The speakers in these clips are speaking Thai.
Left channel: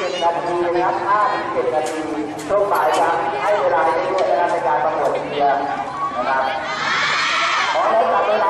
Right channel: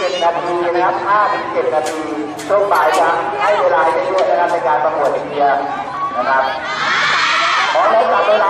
7นาทีนะครับ5ถึง7นาทีช่วงบ่ายจะให้เวลาได้ด้วยนะครับในการประกวดเชียร์นะครับขอได้ตัดเวลา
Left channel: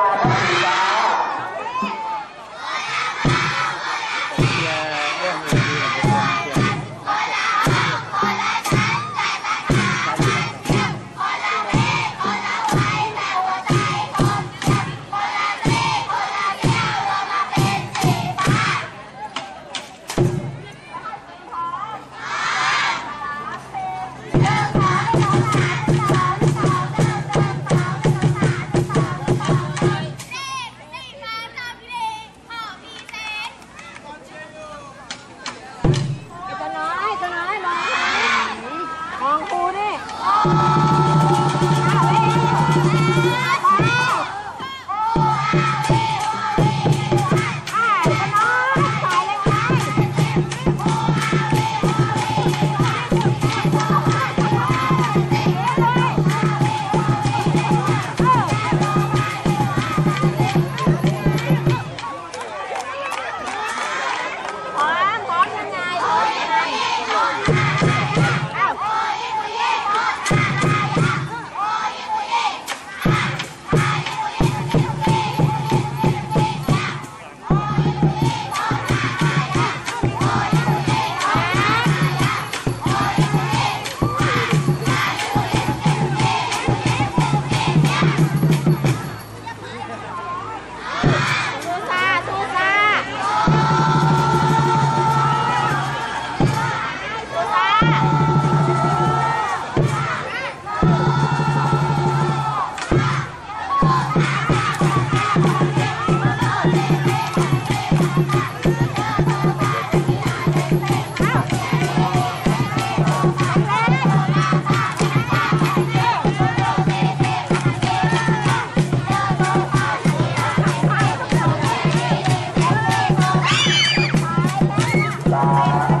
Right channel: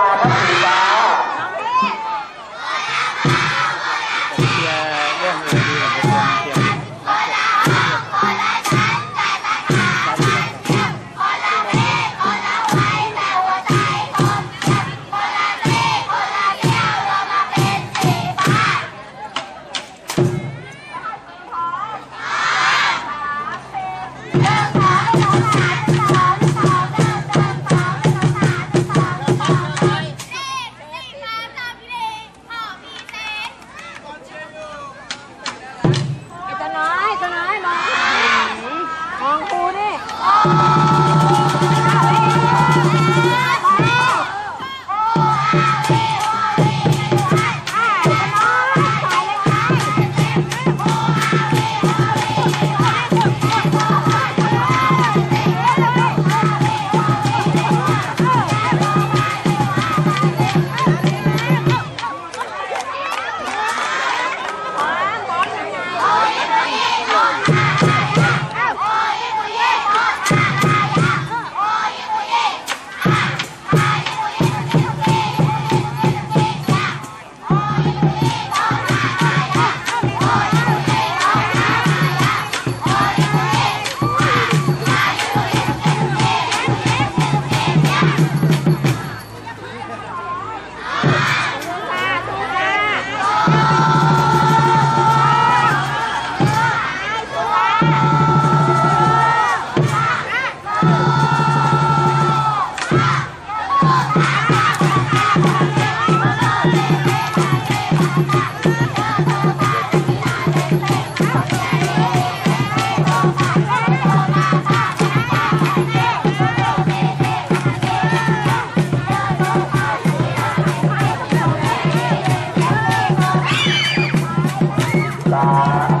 Bye.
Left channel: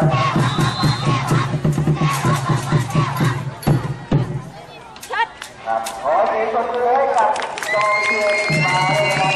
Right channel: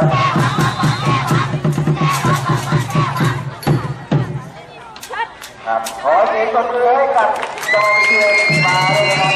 ครับขอเสียงปรบมือให้กับกองเชียร์สีฟ้าเลยครับ